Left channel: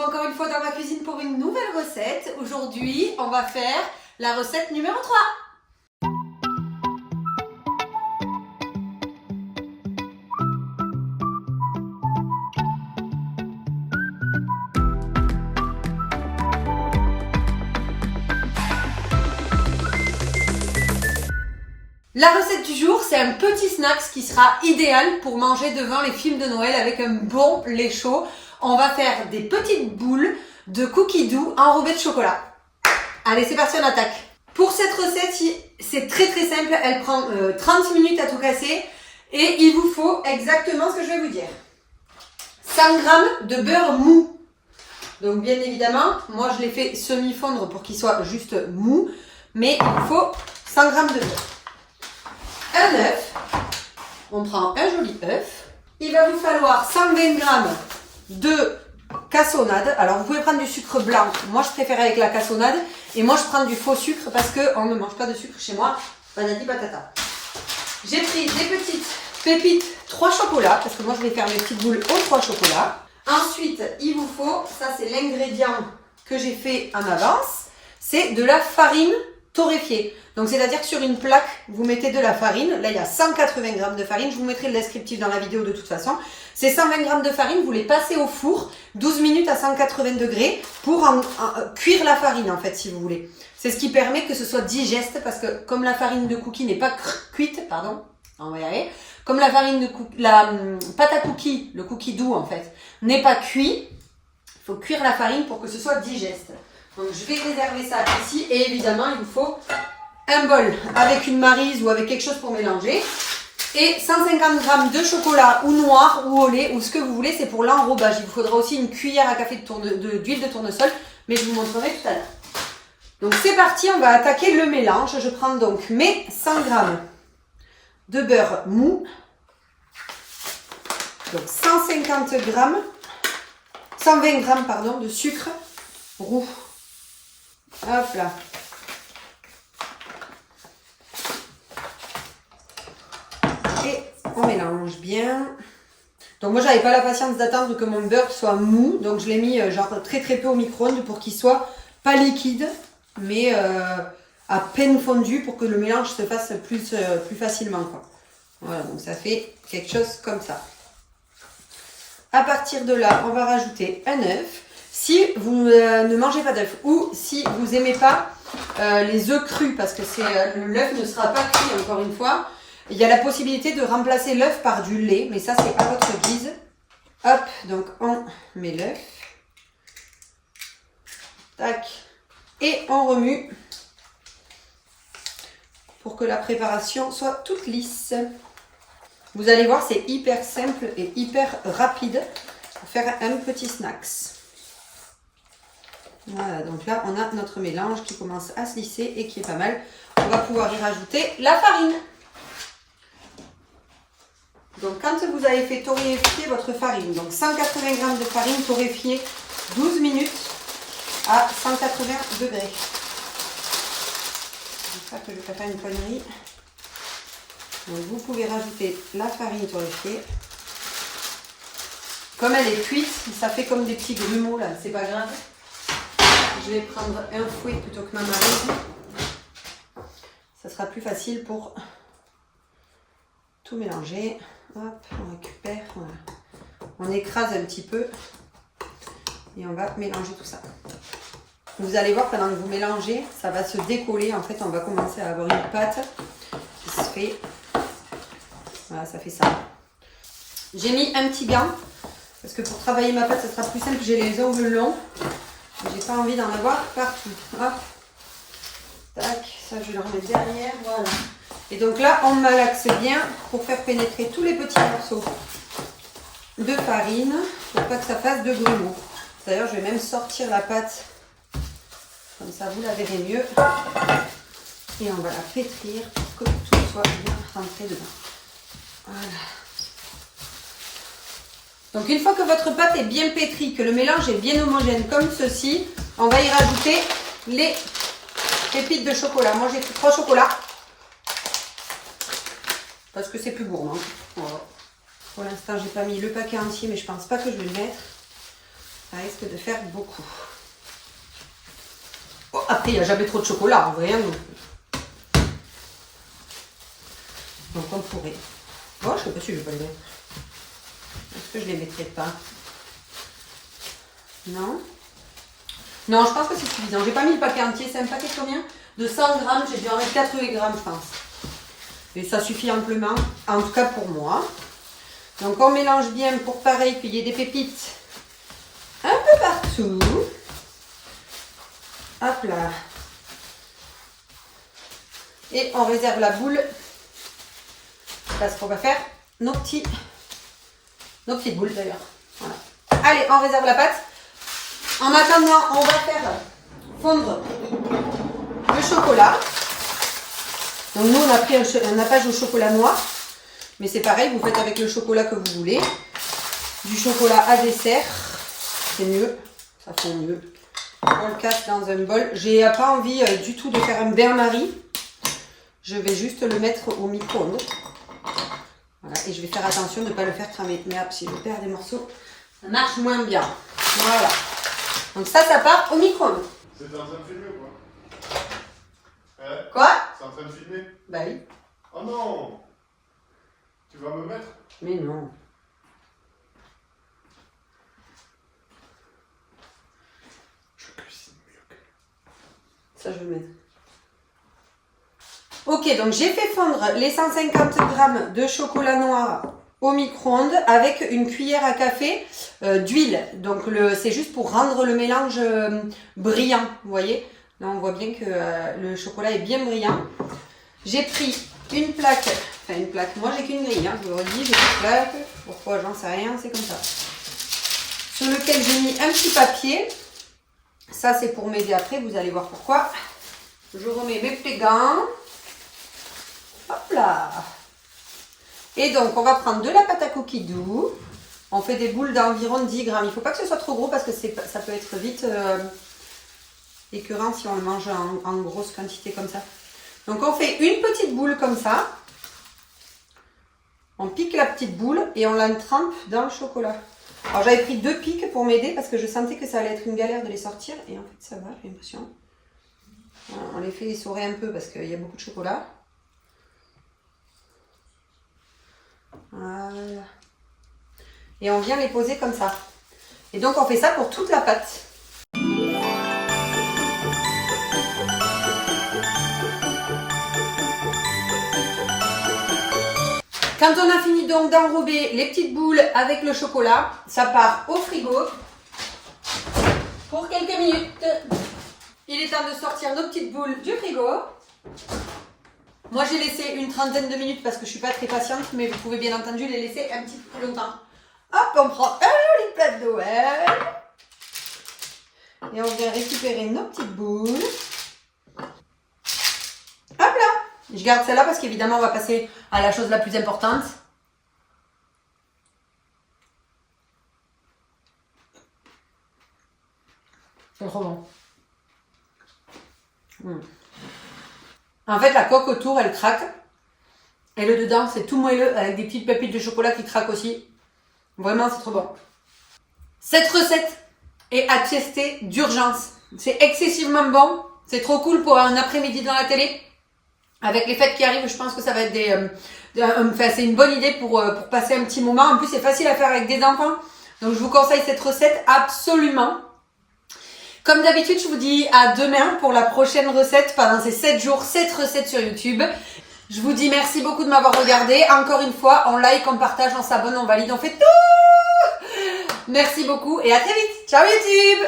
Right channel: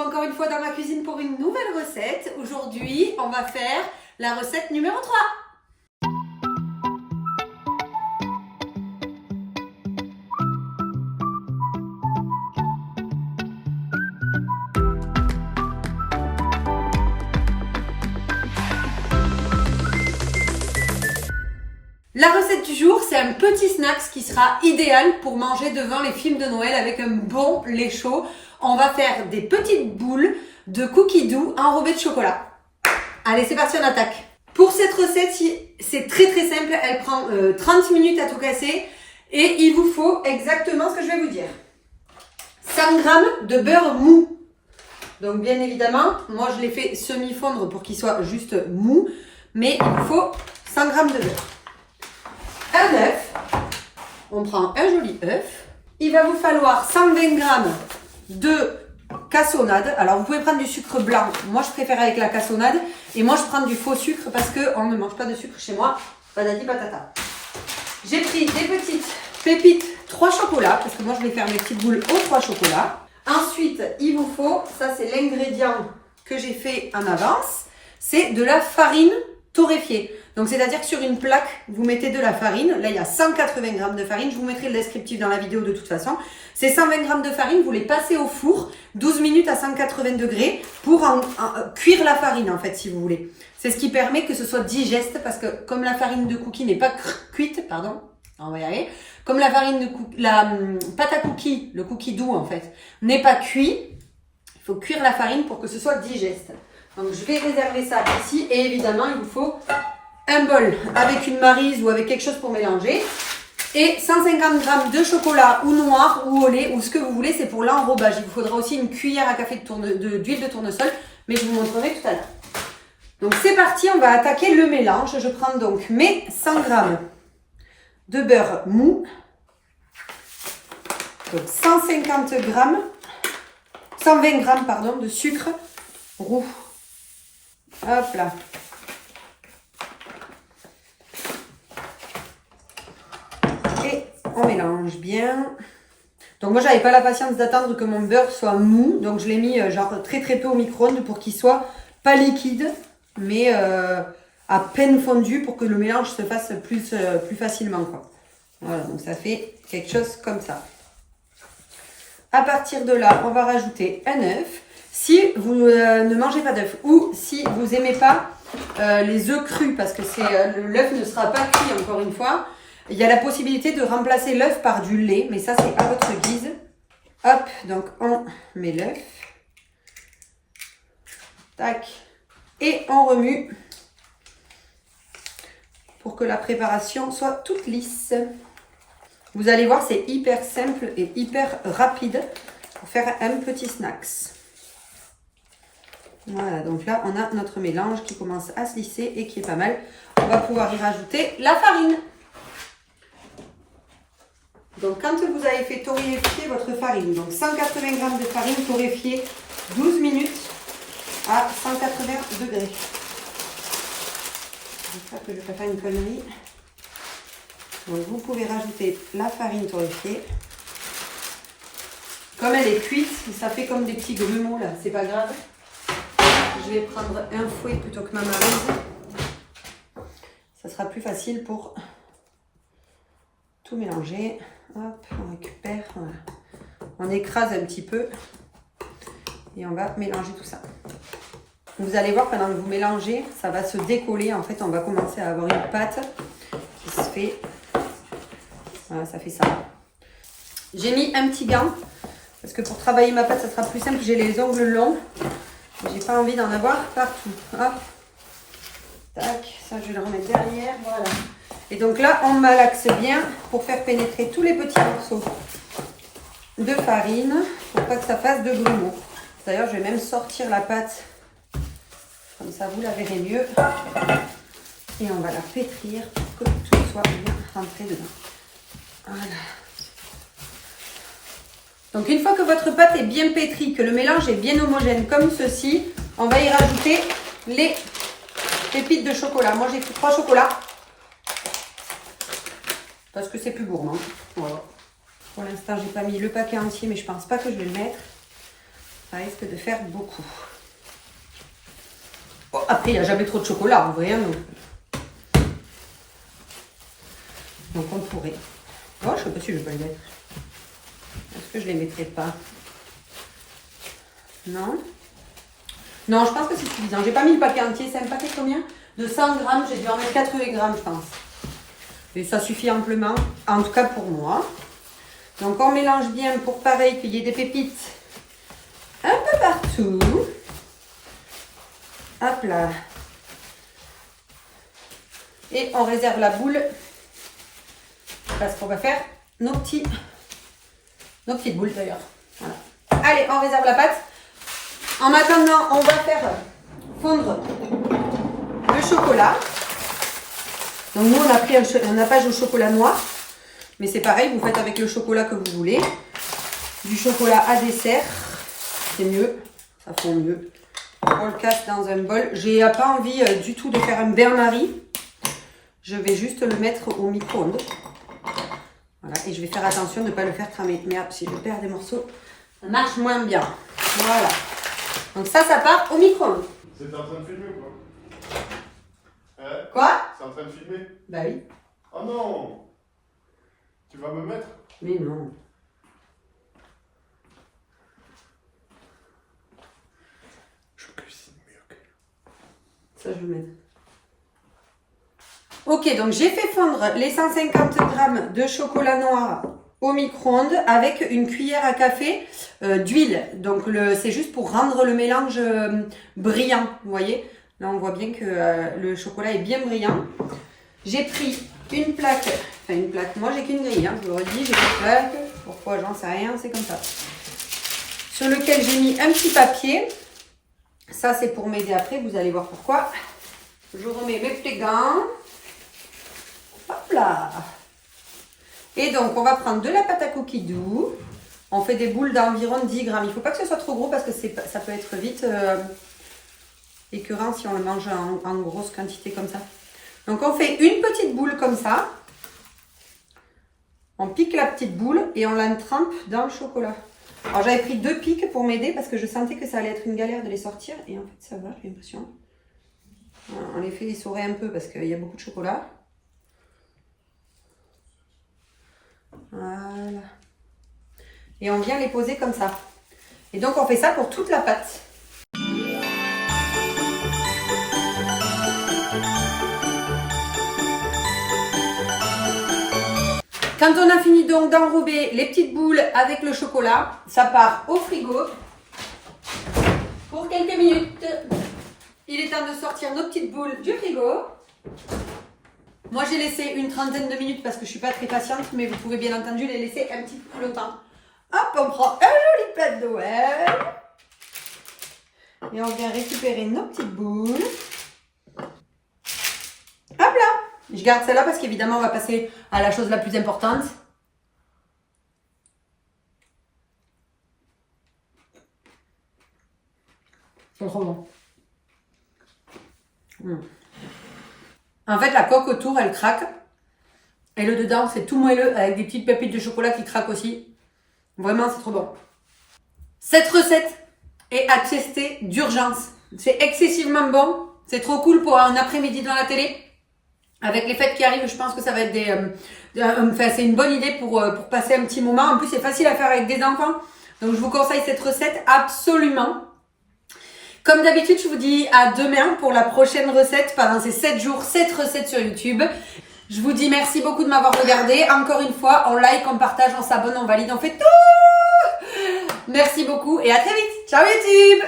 retrouve encore une fois dans ma cuisine pour une nouvelle recette. Aujourd'hui, on va faire la recette numéro 3. La recette du jour, c'est un petit snack qui sera idéal pour manger devant les films de Noël avec un bon lait chaud. On va faire des petites boules de cookies doux enrobées de chocolat. Allez, c'est parti, on attaque. Pour cette recette, c'est très simple. Elle prend 30 minutes à tout casser et il vous faut exactement ce que je vais vous dire. 100 g de beurre mou. Donc bien évidemment, moi je l'ai fait semi-fondre pour qu'il soit juste mou, mais il vous faut 100 g de beurre. Un œuf, on prend un joli œuf. Il va vous falloir 120 g de cassonade. Alors vous pouvez prendre du sucre blanc, moi je préfère avec la cassonade. Et moi je prends du faux sucre parce qu'on ne mange pas de sucre chez moi. Patati patata. J'ai pris des petites pépites 3 chocolats, parce que moi je vais faire mes petites boules aux 3 chocolats. Ensuite il vous faut, ça c'est l'ingrédient que j'ai fait en avance, c'est de la farine torréfiée. Donc c'est-à-dire que sur une plaque, vous mettez de la farine. Là, il y a 180 g de farine. Je vous mettrai le descriptif dans la vidéo de toute façon. Ces 120 g de farine, vous les passez au four 12 minutes à 180 degrés pour cuire la farine, en fait, si vous voulez. C'est ce qui permet que ce soit digeste parce que comme la farine de cookie n'est pas cuite, pardon, on va y arriver. Comme la farine de la pâte à cookie, le cookie doux, en fait, n'est pas cuit, il faut cuire la farine pour que ce soit digeste. Donc je vais réserver ça ici et évidemment, il vous faut un bol avec une maryse ou avec quelque chose pour mélanger et 150 g de chocolat ou noir ou au lait ou ce que vous voulez, c'est pour l'enrobage. Il vous faudra aussi une cuillère à café d'huile de tournesol, mais je vous montrerai tout à l'heure. Donc c'est parti, on va attaquer le mélange. Je prends donc mes 100 g de beurre mou, donc 120 g pardon, de sucre roux. Hop là. Et on mélange bien. Donc moi j'avais pas la patience d'attendre que mon beurre soit mou, donc je l'ai mis genre très peu au micro-ondes pour qu'il soit pas liquide, mais à peine fondu pour que le mélange se fasse plus facilement, quoi. Voilà, donc ça fait quelque chose comme ça. À partir de là, on va rajouter un œuf. Si vous ne mangez pas d'œuf ou si vous n'aimez pas les œufs crus, parce que l'œuf ne sera pas cuit encore une fois, il y a la possibilité de remplacer l'œuf par du lait, mais ça c'est à votre guise. Hop, donc on met l'œuf. Tac. Et on remue pour que la préparation soit toute lisse. Vous allez voir, c'est hyper simple et hyper rapide pour faire un petit snack. Voilà, donc là on a notre mélange qui commence à se lisser et qui est pas mal. On va pouvoir y rajouter la farine. Donc quand vous avez fait torréfier votre farine, donc 180 g de farine torréfiée 12 minutes à 180 degrés. J'espère que je ne fais pas une connerie. Donc vous pouvez rajouter la farine torréfiée. Comme elle est cuite, ça fait comme des petits grumeaux là, c'est pas grave. Je vais prendre un fouet plutôt que ma maryse. Ça sera plus facile pour tout mélanger. Hop, on récupère, voilà. On écrase un petit peu et on va mélanger tout ça. Vous allez voir, pendant que vous mélangez, ça va se décoller. En fait, on va commencer à avoir une pâte qui se fait. Voilà, ça fait ça. J'ai mis un petit gant parce que pour travailler ma pâte, ça sera plus simple. J'ai les ongles longs. J'ai pas envie d'en avoir partout. Hop. Tac, ça je vais le remettre derrière. Voilà. Et donc là, on malaxe bien pour faire pénétrer tous les petits morceaux de farine pour pas que ça fasse de grumeaux. D'ailleurs, je vais même sortir la pâte. Comme ça, vous la verrez mieux. Et on va la pétrir pour que tout soit bien rentré dedans. Voilà. Donc une fois que votre pâte est bien pétrie, que le mélange est bien homogène comme ceci, on va y rajouter les pépites de chocolat. Moi, j'ai pris 3 chocolats. Parce que c'est plus gourmand. Voilà. Pour l'instant, j'ai pas mis le paquet entier, mais je pense pas que je vais le mettre. Ça risque de faire beaucoup. Bon, après, il n'y a jamais trop de chocolat, en vrai. Donc on pourrait. Oh, je sais pas si je vais pas les mettre. Est-ce que je les mettrai pas? Non. Non, je pense que c'est suffisant. J'ai pas mis le paquet entier. C'est un paquet de combien? De 100 grammes. J'ai dû en mettre 80 grammes, je pense. Et ça suffit amplement, en tout cas pour moi. Donc on mélange bien pour pareil qu'il y ait des pépites un peu partout. Hop là. Et on réserve la boule parce qu'on va faire nos petites boules d'ailleurs. Voilà. Allez, on réserve la pâte. En attendant, on va faire fondre le chocolat. Donc nous, on a pris un nappage au chocolat noir. Mais c'est pareil, vous faites avec le chocolat que vous voulez. Du chocolat à dessert, c'est mieux. Ça fond mieux. On le casse dans un bol. J'ai pas envie du tout de faire un bain-marie. Je vais juste le mettre au micro-ondes. Voilà, et je vais faire attention de ne pas le faire cramer. Merde, si je perds des morceaux, ça marche moins bien. Voilà. Donc ça part au micro-ondes. C'est en train de filmer ou quoi? Quoi? C'est en train de filmer? Bah oui. Oh non! Tu vas me mettre? Mais non. Je cuisine mieux que... Ça, je vais mettre. Ok, donc j'ai fait fondre les 150 grammes de chocolat noir au micro-ondes avec une cuillère à café d'huile. Donc c'est juste pour rendre le mélange brillant, vous voyez. Là, on voit bien que le chocolat est bien brillant. J'ai pris une plaque, moi j'ai qu'une grille, hein, je vous le redis, j'ai une plaque. Pourquoi, j'en sais rien, c'est comme ça. Sur lequel j'ai mis un petit papier. Ça, c'est pour m'aider après, vous allez voir pourquoi. Je remets mes petits gants. Hop là. Et donc, on va prendre de la pâte à cookies doux. On fait des boules d'environ 10 grammes. Il ne faut pas que ce soit trop gros parce que ça peut être vite écœurant si on le mange en grosse quantité comme ça. Donc, on fait une petite boule comme ça. On pique la petite boule et on la trempe dans le chocolat. Alors, j'avais pris 2 pics pour m'aider parce que je sentais que ça allait être une galère de les sortir. Et en fait, ça va, j'ai l'impression. On les fait essorer un peu parce qu'il y a beaucoup de chocolat. Voilà. Et on vient les poser comme ça. Et donc, on fait ça pour toute la pâte. Quand on a fini donc d'enrober les petites boules avec le chocolat, ça part au frigo pour quelques minutes. Il est temps de sortir nos petites boules du frigo. Moi, j'ai laissé une trentaine de minutes parce que je ne suis pas très patiente, mais vous pouvez bien entendu les laisser un petit peu plus longtemps. Hop, on prend un joli plat de Noël. Et on vient récupérer nos petites boules. Hop là! Je garde celle-là parce qu'évidemment, on va passer à la chose la plus importante. C'est trop bon. En fait, la coque autour, elle craque. Et le dedans, c'est tout moelleux avec des petites pépites de chocolat qui craquent aussi. Vraiment, c'est trop bon. Cette recette est à tester d'urgence. C'est excessivement bon. C'est trop cool pour un après-midi dans la télé. Avec les fêtes qui arrivent, je pense que ça va être c'est une bonne idée pour passer un petit moment. En plus, c'est facile à faire avec des enfants. Donc, je vous conseille cette recette absolument. Comme d'habitude, je vous dis à demain pour la prochaine recette. Pendant ces 7 jours, 7 recettes sur YouTube. Je vous dis merci beaucoup de m'avoir regardé. Encore une fois, on like, on partage, on s'abonne, on valide, on fait tout. Merci beaucoup et à très vite. Ciao YouTube!